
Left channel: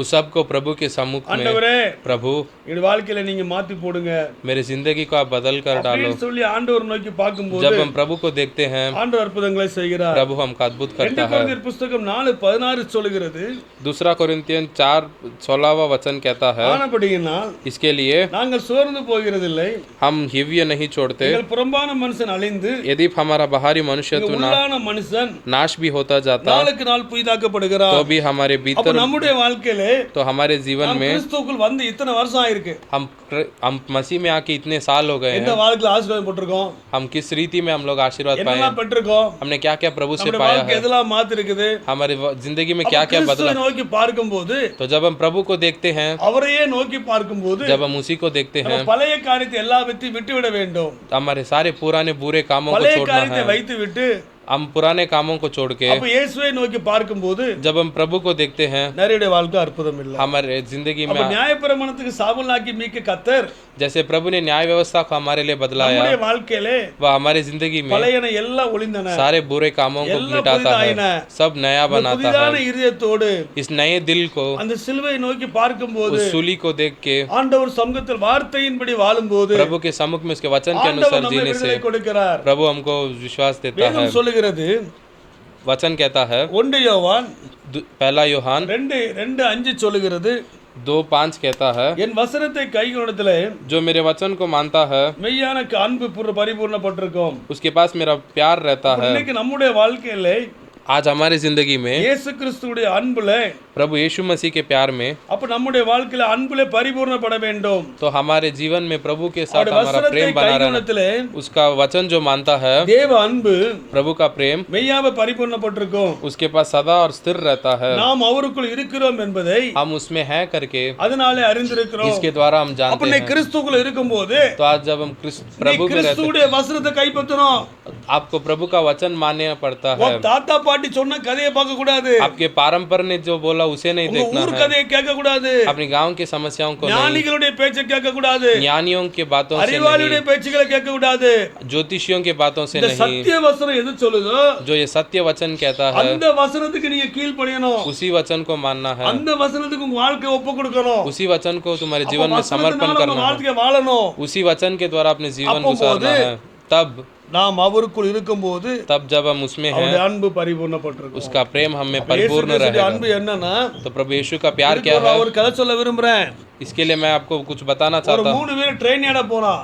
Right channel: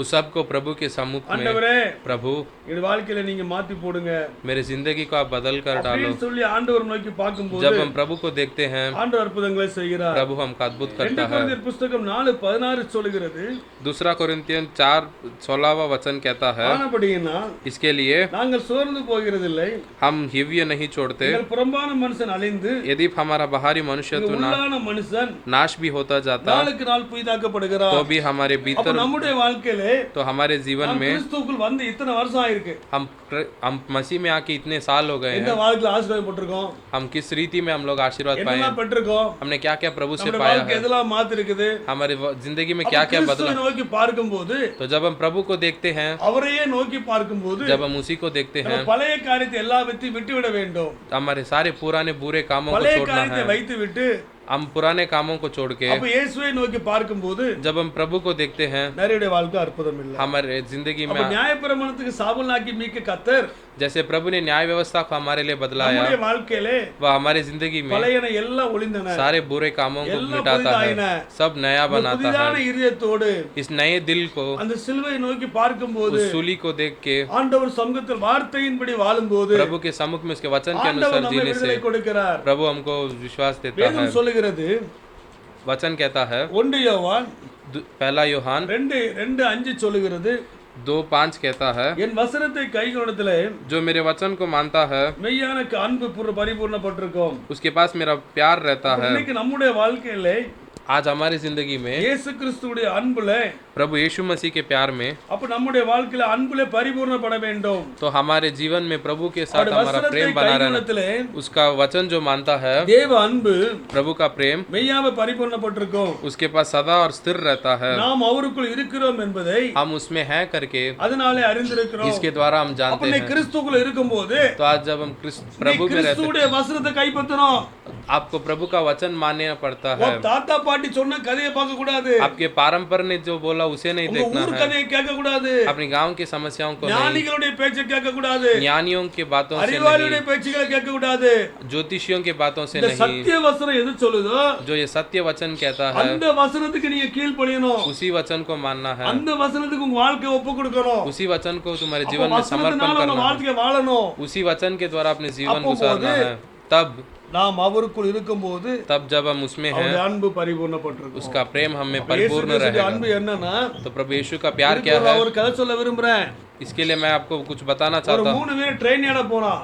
उस सब को प्रभु के सम्मुख में, ஆண்டவரே प्रभु என் வாழ்க்கையில நீங்க மாத்தி போடுங்க मेरी जिंदगी को आप बदल कर डालो। அப்படின்னு சொல்லி ஆண்டவர் நோக்கி பார்க்கும்போது जब हम प्रभु को देखते हैं, ஆண்டவர் அற்புதங்களை செய்கிறார். प्रभु हमका अद्भुत 2 करता है। கொரிந்தியர் புத்தகம் 4:16 சொல்லுகிறது, दूसरा कोरिन्थियन 4:16 वचन कहता है, ஆனபடியினா इसके लिए நாங்கள் சோர்ந்து போகிறதில்லை, हम हिव्य नहीं छोड़ते। எங்கள் புறம்பான மனுஷன் அழிந்து यदि हमारा बाहरी मनुष्यत्व உள்ளான मनुஷன் नाश भी होता जाता நாளுக்கு நாள் புதிதாக்கப்படுகிறார். तो भी हमारे அப்ப भीतर நம்முடைய வாழ்க்கையிலே तो हमारे जीवन में கிறிஸ்துவுக்குள் வந்து இத்தனை வருஷம் ஆயிருக்கு. हम मसीह में आके इतने साल हो गए எந்த हैं, வாழ்க்கையில ஆசீர்வாதம் பெற்றிருக்கோம், हम किस रीति में हम लोग आशीर्वाद पाए, என்னெல்லாம் பெற்றிருக்கோம், हमने क्या क्या प्रभु से நம்முடைய पाया வாழ்க்கை है, எதெல்லாம் மாத்தி இருக்குது. हमारी जिंदगी में क्या क्या बदला। கிறிஸ்துவை நோக்கி பார்க்கும்போது, तो जब हम प्रभु को देखते हैं, அவரையே நோக்கி பார்க்கும்போது जब हम उसी को देखते हैं, நம்ம பழைய காரியத்தை எல்லாவற்றையும் விட்டுவிட வேண்டும். हमारे सारे पुराने बुरे कामों को பழைய छोड़ना காரியத்தை है। வைத்து விட்டு हम पुराने कामों को छोड़ के அப்ப இயேசுவை நோக்கி பார்க்கும்போது जब हम प्रभु को देखते हैं, நிறைய வாழ்க்கை அற்புதம் இல்லை. हमारे जिंदगी அப்ப में நியாயப்பிரமாணத்துக்கு சாபலாக்கி மீட்க கர்த்தர் जैसे प्रभु ने न्याय व्यवस्था को हमारे लिए बदलाया, நம்முடைய வாழ்க்கையிலே वह हमारे जिंदगी में பழையன எல்லாம் ஒளிந்தன, सारे बुरे कामों को எல்லாம் मिटाता புதிதாயின. है, सब नया बनाता புதிதான है। இதயத்தோடு इस नए दिल को, அந்த சிலுவை நோக்கி பார்க்கும்போது, उस सूली को देख के, ஆண்டவர் சமூகத்தில் வார்த்தையின்படி வாழும்போது प्रभु के सम्मुख में उसके वचन के ஆண்டவர் अनुसार நம்மை जीने से விடுதலை கொடுக்கிறார். प्रभु हमको विश्वास देता है। வேதம் சொல்லுகிறது, वचन कहता है, 1 யோவான் 1 யோहान 2:5 சொல்லுகிறது, 2:5 कहता है, என் வசனத்தை கைக்கொண்டதிலே जो मेरे वचन को मानता है மெய்யான அன்பு பரிபூர்ணப்பட்டிருக்கும். उसके पास मेरा प्यार रहता है। இன்னைக்கு நம்முடைய வாழ்க்கையிலே आज हमारी जिंदगी में இயேசு கிறிஸ்துவுடைய அன்புல, प्रभु यीशु मसीह के प्यार में, அப்ப நம்முடைய வாழ்க்கையில அன்புல பரிபூர்ணப்பட வேண்டும். तो हमारे जीवन में प्रभु के साथ அவருடைய हमारा வசனத்தை प्रेम बना रहना। கைக்கொண்டதிலே उसका वचन जो मानता है, தேவ அன்பு प्रभु का प्रेम மெய்யாவே பரிபூர்ணப்பட்டிருக்கும். उसके पास सदा और स्थिर रहता है। நாம் அவருக்குள் இருக்கிறோம் என்பதை हम उसमें हैं करके அதனாலே அறிந்திருக்கிறோம். इसके द्वारा हम அப்ப जानते நீ हैं। கிறிஸ்துவுக்குள்ள இருக்கும்போது तो आज जब हम प्रभु में रहते கிறிஸ்துவுடைய வசனத்தை கைப்பற்றணும். हैं, आपको प्रभु का वचन मानना पड़ता है। உன் தாத்தா பாட்டி சொன்ன கதையை பார்க்க கூடாது, आपके परंपरा ने जो बोला उसे नहीं உங்க देखना ஊர் है, கதையை கேட்க கூடாது, अपने गांव की समस्याओं को नहीं, ஞானிகளுடைய பேச்சை கேட்க கூடாது, ज्ञानियों के बातों से नहीं, அறிவாளியுடைய பேச்சுகளை கேட்க கூடாது. ज्योतिषियों के बातों से இந்த नहीं। சத்திய வசனம் எது சொல்லுதோ जो ये सत्य वचन कहता है, அந்த வசனத்துக்கு நீங்க கீழ்ப்படியணும். उसी वचन को मानना है, அந்த वचனத்துக்கு உங்க வாழ்க்கையை ஒப்பு கொடுக்கணும். उसी वचन को तुम्हारे அப்ப जीवन में समर्पण வசனத்தினால करना உங்க है, வாழ்க்கையை வாழணும். उसी वचन के द्वारा अपने जीवन அப்போ गुजारना போது है। நாம் அவருக்குள் இருக்கும்போது तब जब हम उसमें हैं, அவருடைய அன்பு பரிபூர்ணப்பட்டிருக்கும். उसका प्रेम हमें இயேசு परिपूर्ण கிறிஸ்துவுடைய रहेगा। அன்பு என்னன்னா, तो प्रभु यीशु का प्यार क्या है, ஒரு கதை சொல்ல விரும்புறேன். इसके लिए मैं आपको कुछ बताना ஒரு चाहता हूँ। 3 பேர் ட்ரெயின் ஏற போனா,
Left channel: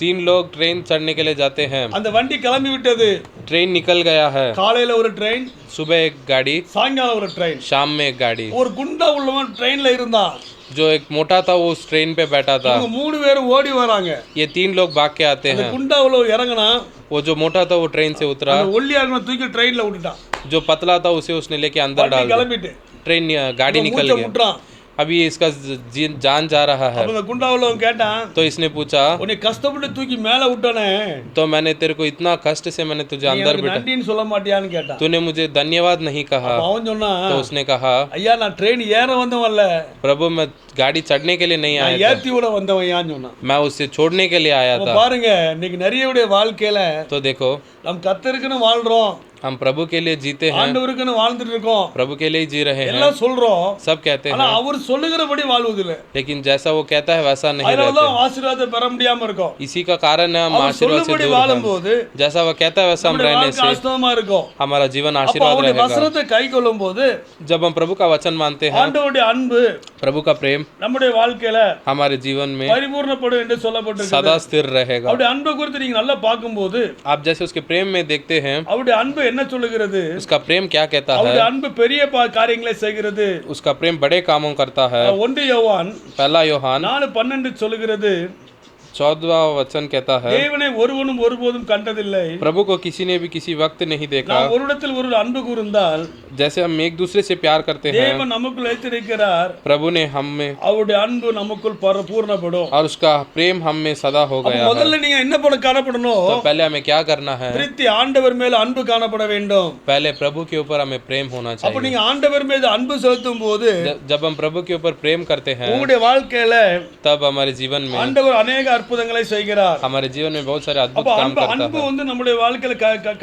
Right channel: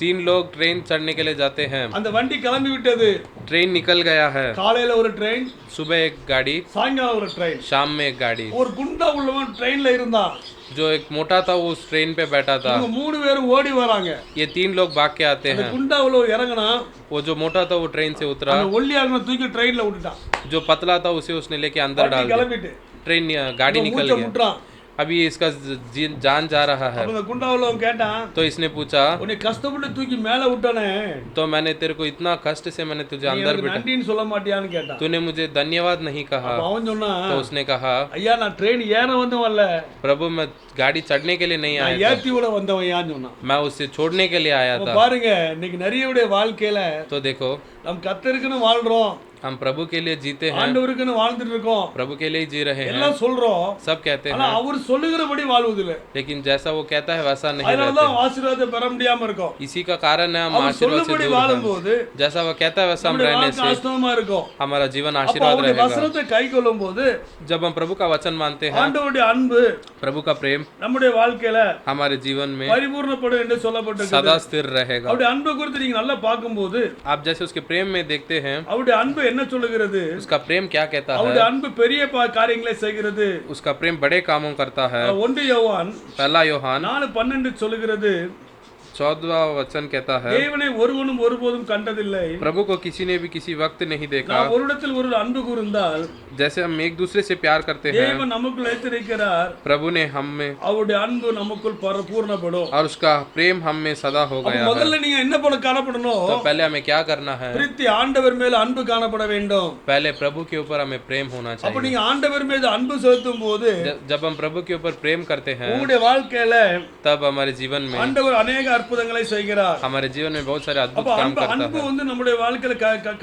3 लोग ट्रेन चढ़ने के लिए जाते हैं। அந்த வண்டி கிளம்பி விட்டது. ट्रेन निकल गया है, காலையில ஒரு ட்ரெயின், सुबह एक गाड़ी, சாயங்காலம் ஒரு ட்ரெயின். शाम में एक गाड़ी। ஒரு குண்டா உள்ளவன் ட்ரெயின்ல இருந்தான். जो एक मोटा था वो उस ट्रेन पे बैठा था। இவங்க 3 பேரும் ஓடி வராங்க. ये 3 लोग भाग के आते இந்த हैं। குண்டா உள்ளவன் இறங்குனா, वो जो मोटा था वो ट्रेन से उतरा, அந்த ஒல்லியா இருந்தவன் தூக்கி ட்ரெயின்ல விட்டுட்டான். जो पतला था उसे उसने लेके अंदर வண்டி डाल दिया। கிளம்பிட்டு ट्रेन गाड़ी निकल மூச்சை गया। முட்டுறான். अभी इसका जान जा रहा है। அப்ப இந்த குண்டா உள்ளவன் கேட்டான், तो इसने पूछा, உன்னை கஷ்டப்பட்டு தூக்கி மேல விட்டானே, तो मैंने तेरे को इतना कष्ट से मैंने तुझे நீ अंदर எனக்கு बिठा, நன்றின்னு சொல்ல மாட்டியான்னு கேட்டான். तूने मुझे धन्यवाद नहीं कहा। அப்ப அவன் சொன்னான், तो उसने कहा, ஐயா நான் ட்ரெயின் ஏற வந்தவன்ல, प्रभु मैं गाड़ी चढ़ने के लिए नहीं நான் आया था, ஏத்தி விட வந்தவன்யான்னு சொன்னான். मैं उसे छोड़ने के लिए आया அப்ப था। பாருங்க, இன்னைக்கு நிறையவுடைய வாழ்க்கையில तो देखो, நம் கர்த்தருக்குன்னு வாழ்றோம், हम प्रभु के लिए जीते हैं, ஆண்டவருக்குன்னு வாழ்ந்துட்டு இருக்கோம், प्रभु के लिए ही जी रहे हैं, எல்லாம் சொல்றோம். सब कहते ஆனா हैं, அவர் சொல்லுகிறபடி வாழ்வதில்லை. लेकिन जैसा वो कहता है वैसा नहीं रहते। அதனாலதான் ஆசீர்வாதத்தை பெற முடியாம இருக்கோம். इसी का कारण है हम அவர் आशीर्वाद से சொல்லும்படி दूर हैं। வாழும்போது जैसा वो कहता है वैसा हम நம்முடைய रहने வாழ்க்கை से ஆசீர்வாதமா இருக்கும். हमारा जीवन அப்ப आशीर्वाद அவருடைய रहेगा। வசனத்தை கை கொள்ளும் போது जब हम प्रभु का वचन मानते हैं, ஆண்டவருடைய அன்பு प्रभु का प्रेम நம்முடைய வாழ்க்கையில हमारे जीवन में பரிபூர்ணப்படும் என்று சொல்லப்பட்டிருக்கு. सदा स्थिर रहेगा। அவருடைய அன்பை குறித்து நீங்க நல்லா பார்க்கும்போது आप जैसे उसके प्रेम में देखते हैं, அவருடைய அன்பு என்ன சொல்லுகிறது? उसका प्रेम क्या कहता அவருடைய है, அன்பு பெரிய காரியங்களை செய்கிறது. उसका प्रेम बड़े कामों करता है। 1 யோவான் 1 யோहान 4:12 சொல்லுகிறது, 14वां वचन कहता है, தேவனை ஒருவனும் ஒருபோதும் கண்டதில்லை, प्रभु को किसी ने भी किसी वक्त नहीं देखा। நாம் ஒருவரிடத்தில் ஒரு அன்பு கூர்ந்தால் जैसे हम एक दूसरे से प्यार करते हैं, தேவன் நமக்குள் வைத்திருக்கிறார், प्रभु ने हम में, அவருடைய அன்பு நமக்குள் பூர்ணப்படும். और उसका प्रेम हम में सदा हो அப்ப गया है। முதல்ல நீங்க என்ன பண்ண காணப்படணும்? तो पहले हमें क्या करना है, திருப்தி ஆண்டவர் மேல அன்பு காணப்பட வேண்டும். पहले प्रभु के ऊपर हमें प्रेम होना அப்ப चाहिए। நீங்க ஆண்டவர் மீது அன்பு செலுத்தும் போது जब हम प्रभु के ऊपर प्रेम करते हैं, உங்களுடைய வாழ்க்கையில तब हमारे जीवन में, ஆண்டவர் अनेक அற்புதங்களை செய்கிறார். हमारे जीवन में बहुत सारे अद्भुत அப்ப काम அன்பு करता அன்பு है। வந்து நம்முடைய வாழ்க்கையில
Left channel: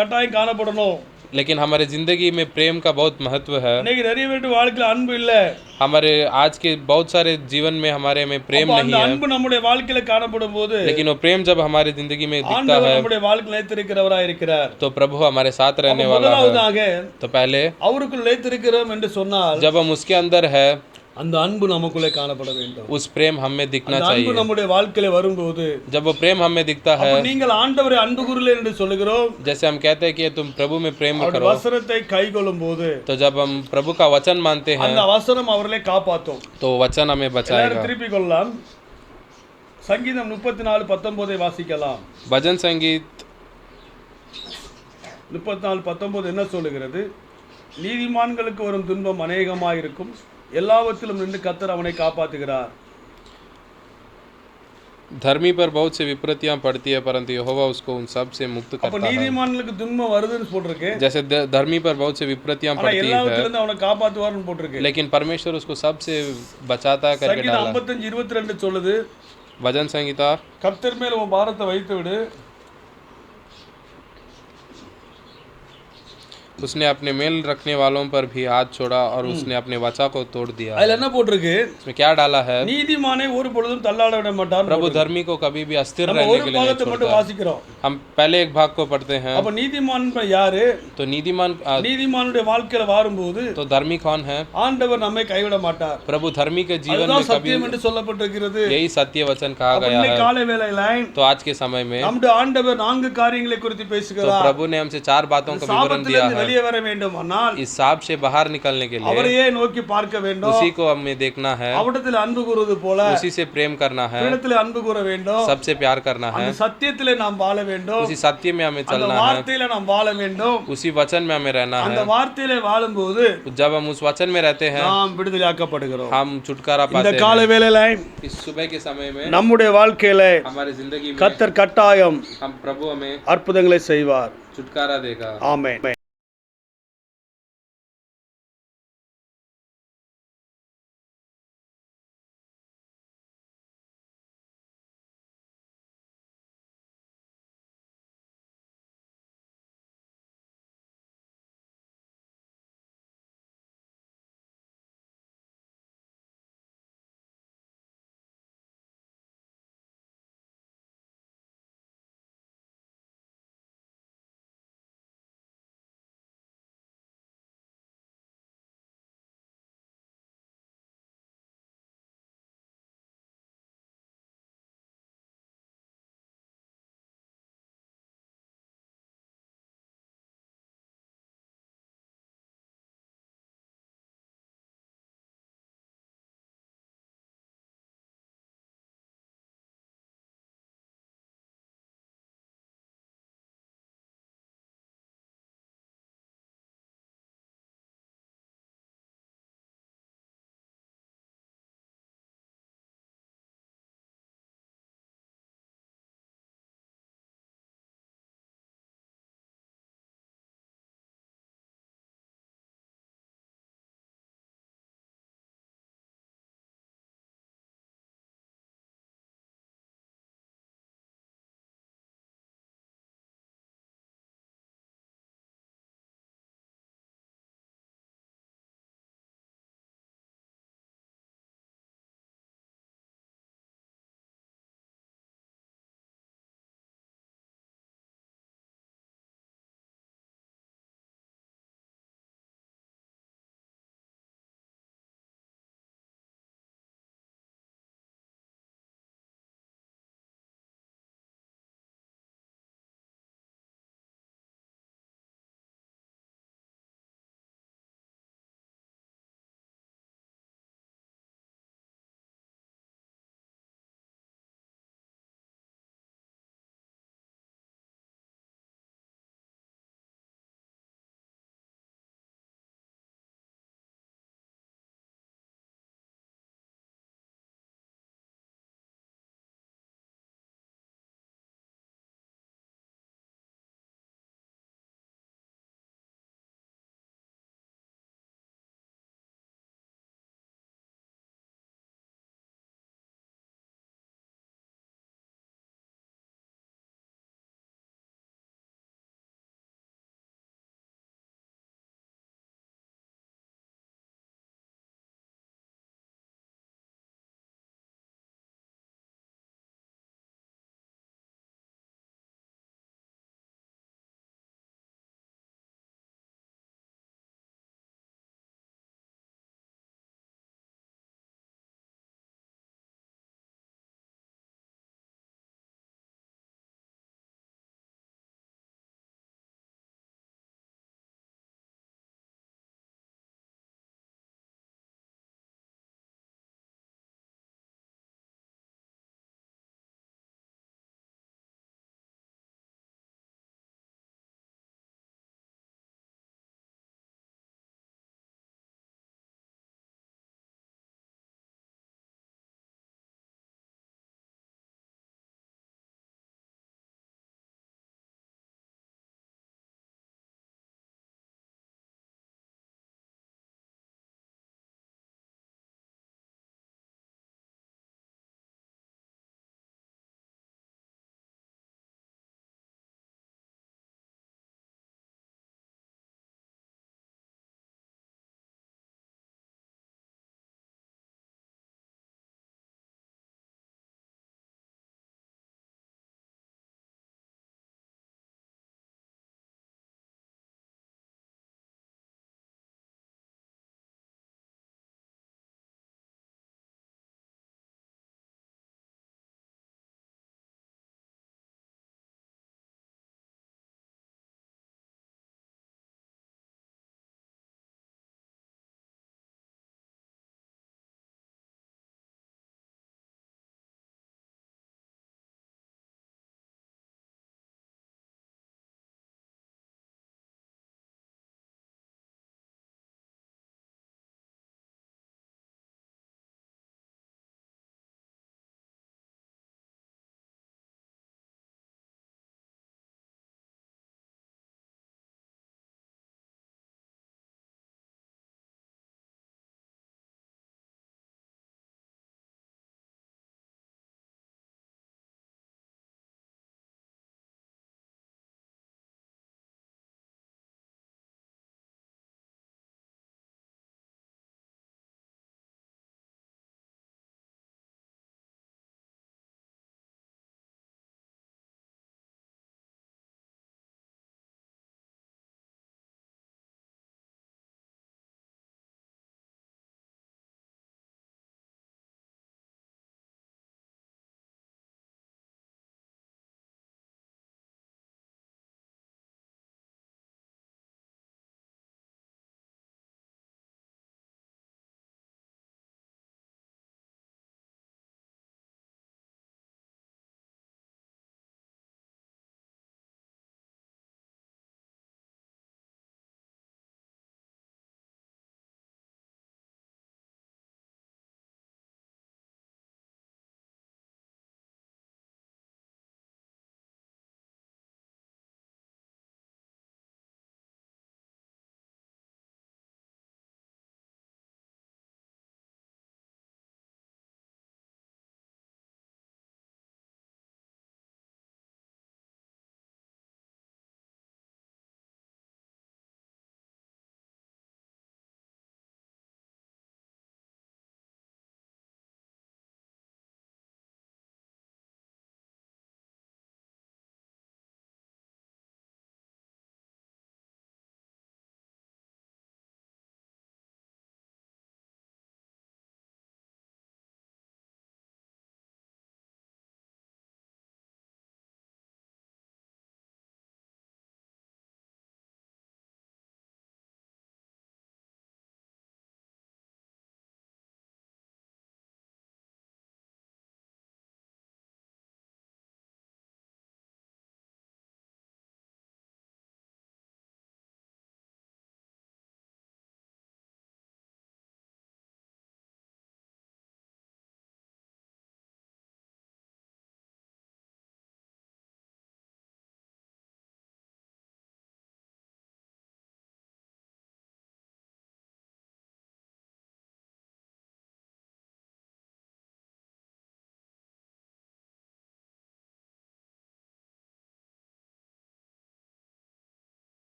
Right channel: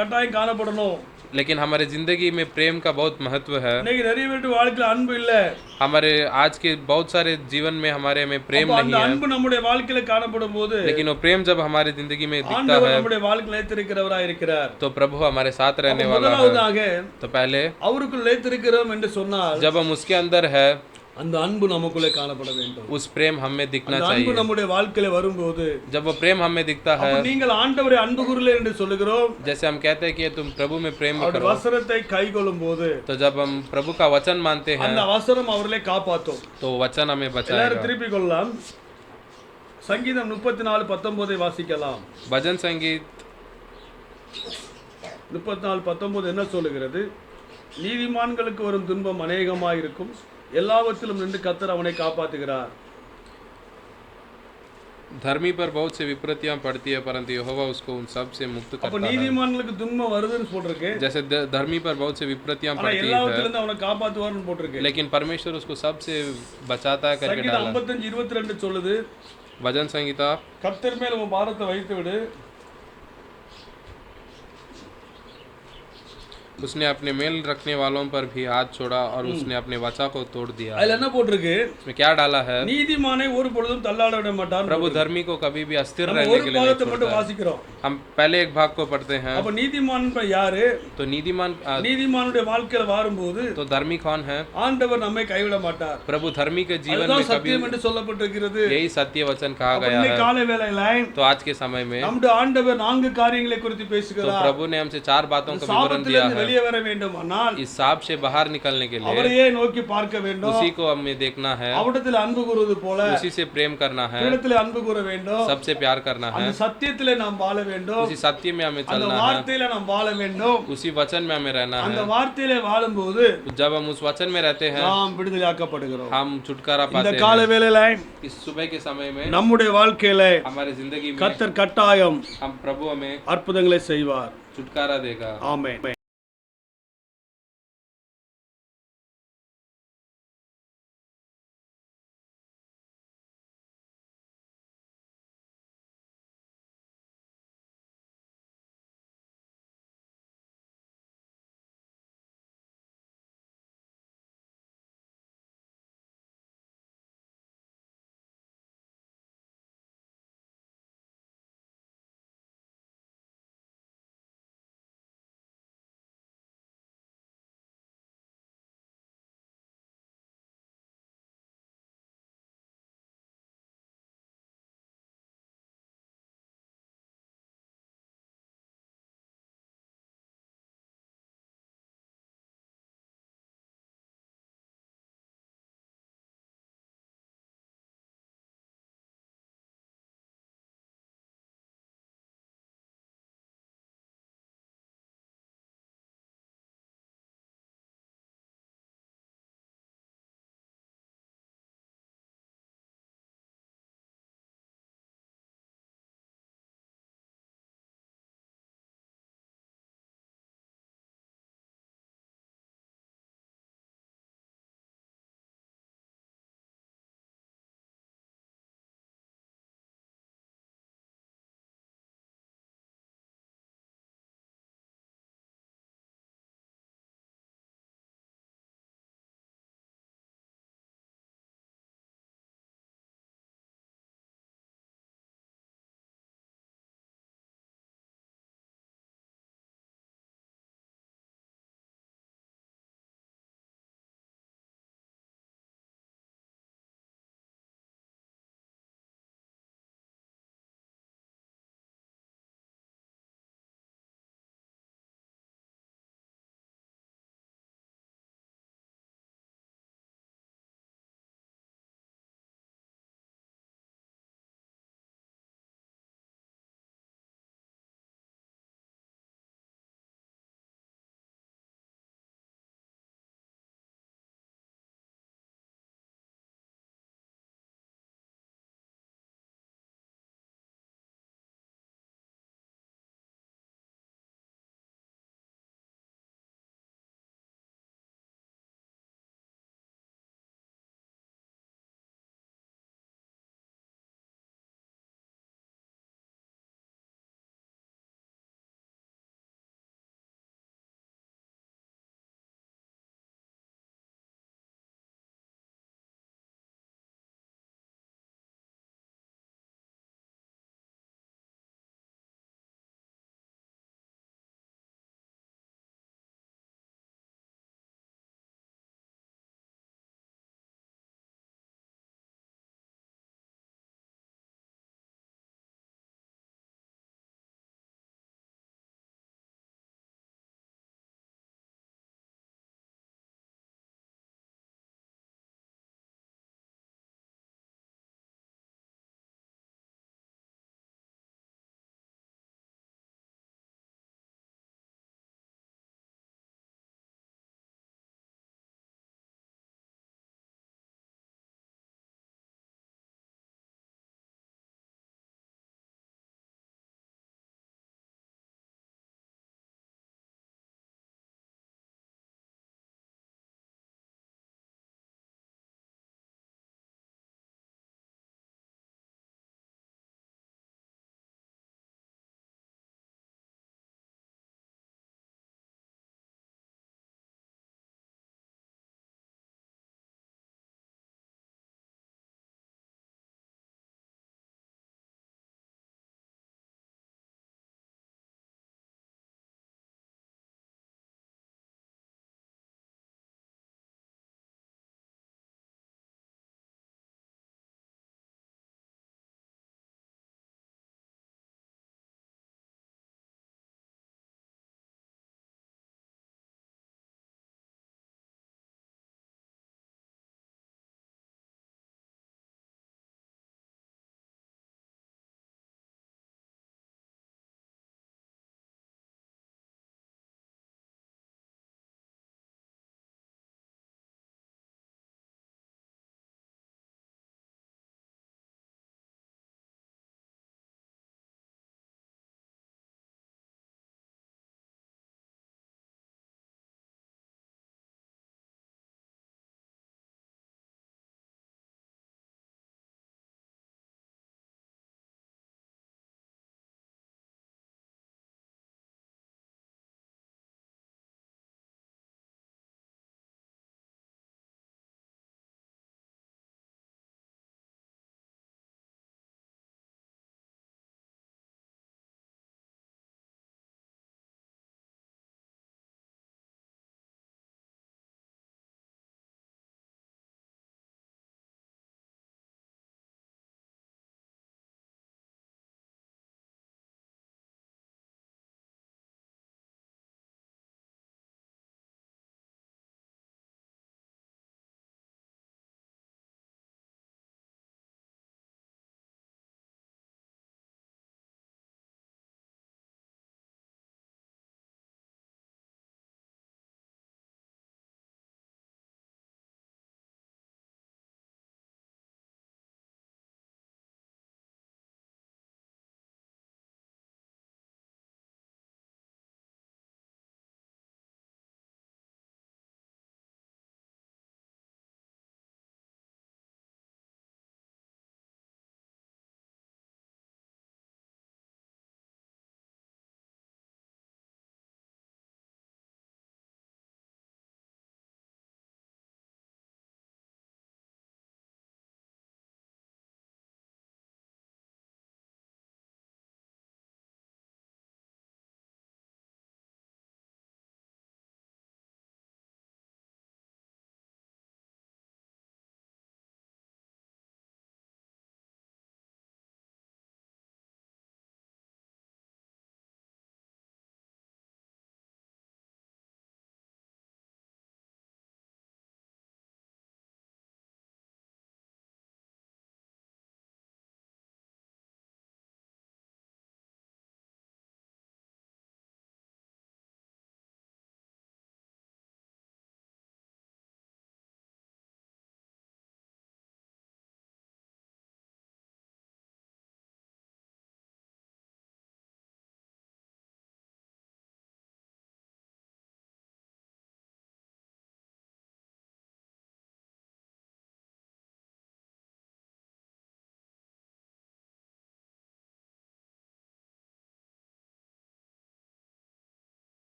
கட்டாயம் காணப்படணும். लेकिन हमारे जिंदगी में प्रेम का बहुत महत्व है। இன்னைக்கு நிறைய பேர் வாழ்க்கையில அன்பு இல்ல. हमारे आज के बहुत सारे जीवन में हमारे में प्रेम அப்ப नहीं அந்த है, அன்பு நம்முடைய வாழ்க்கையில காணப்படும் போது लेकिन वो प्रेम जब हमारी जिंदगी में दिखता ஆண்டவர் है நம்முடைய வாழ்க்கையில நிலைத்திருக்கிறவராய் இருக்கிறார். तो प्रभु हमारे साथ रहने वाला है। முதலாவதாக तो पहले அவருக்குள் நிலைத்திருக்கிறோம் என்று சொன்னால் जब हम उसके अंदर है, அந்த அன்பு நமக்குள்ளே காணப்பட வேண்டும். उस प्रेम हमें दिखना அந்த அன்பு चाहिए। நம்முடைய வாழ்க்கையில வரும்போது जब वो प्रेम हमें दिखता है, அப்ப நீங்கள் ஆண்டவரை அன்பு கூறுகிறீர்கள் என்று சொல்லுகிறோம். जैसे हम कहते हैं कि तुम प्रभु में प्रेम அவருடைய करो, வசனத்தை கைக்கொள்ளும் போது तो जब हम प्रभु का वचन मानते हैं அந்த வசனம் அவர்களை காப்பாற்றும். तो वचन हमें எல்லாரும் बचाएगा। திருப்பிக் கொள்ளலாம். சங்கீதம் 34:19 வாசிக்கலாம். भजन संगीत 34:19 என்ன சொல்லுகிறது? நீதிமான்களுக்கு வரும் துன்பம் அநேகமாயிருக்கும், எல்லாவற்றிலும் நின்று கர்த்தர் அவனை காப்பாற்றுகிறார். धर्मी पर बहुत सी विपत्तियां पड़ती है, परंतु यहोवा उसको उन सब से मुक्त அப்ப करता है। நீதிமான்களுக்கு துன்பம் வருதுன்னு போட்டிருக்கு. जैसे धर्मी पर बहुत सी विपत्तियां ஆனா पड़ती है, எல்லாவற்றிலிருந்து அவனை காப்பாற்றுவார்னு போட்டிருக்கு. लेकिन परमेश्वर उसको सबसे बचाता करके சங்கீதம் डाला। 55:22 சொல்லுது, भजन संगीता கர்த்தர் மேல் உன் பாரத்தை வைத்து விடு, उसने अपने मेल रखने वालों पर भी हाथ छोड़ा और उसने अपने वचा को तोड़ दिया। அதுல என்ன போட்டிருக்கு? इसमें क्या डाला है? நீதிமானை ஒரு பொழுதும் தள்ளாட விட மாட்டார். प्रभु धर्मी को कभी भी अस्थिर நம்ம रहने ஒரு के लिए नहीं பாகத்தை மட்டும் छोड़ता। வாசிக்கிறோம். हम पहले एक भाग को पढ़ते हैं। அப்ப நீதிமான் யாரு? तो நீதிமானுடைய வாழ்க்கையில வரும்போது तो धर्मी कौन है? ஆண்டவர் நம்மை கைவிட மாட்டார். प्रभु धर्मी के जीवन में அதுதான் कभी, சத்தியம் என்று சொல்லப்பட்டிருக்கிறது. यही सत्य वचन कहा गया இன்னைக்கு है। காலை வேளையில तो आज के समय में நம்முடைய ஆண்டவர் 4 காரியங்களை குறித்து तो பேசுகிறார். प्रभु ने हमसे 4 बातों का विवरण दिया சாபத்திலிருந்து है। வெளியே வர வேண்டுமானால் इस साप से बाहर निकलने के लिए அவரையே நோக்கி பார்க்க வேண்டும். उसी को हमें देखना है, அவரிடத்தில் அன்பு கூறுவது போல उसी से प्रेम करना है, இடத்தில் அன்பு கூற வேண்டும். सबसे प्यार करना है, அந்த சத்தியத்திலே நாம் வாழ வேண்டும். उसी सत्य में हमें அந்த चलना है, வார்த்தையில நாம் வாழ வேண்டும். उसी वचन में हमें रहना அந்த है। வார்த்தையிலே வாழும்போது जब हम उस वचन में रहते हैं நாம் விடுதலையாக்கப்படுகிறோம். हम छुटकारा இந்த पाते காலை हैं। வேளையில इस सुबह के समय में நம்முடைய வாழ்க்கையில हमारे जिंदगी में கர்த்தர் கட்டாயம் हम प्रभु हमें அற்புதங்களை செய்வார். छुटकारा देगा। ஆமென்.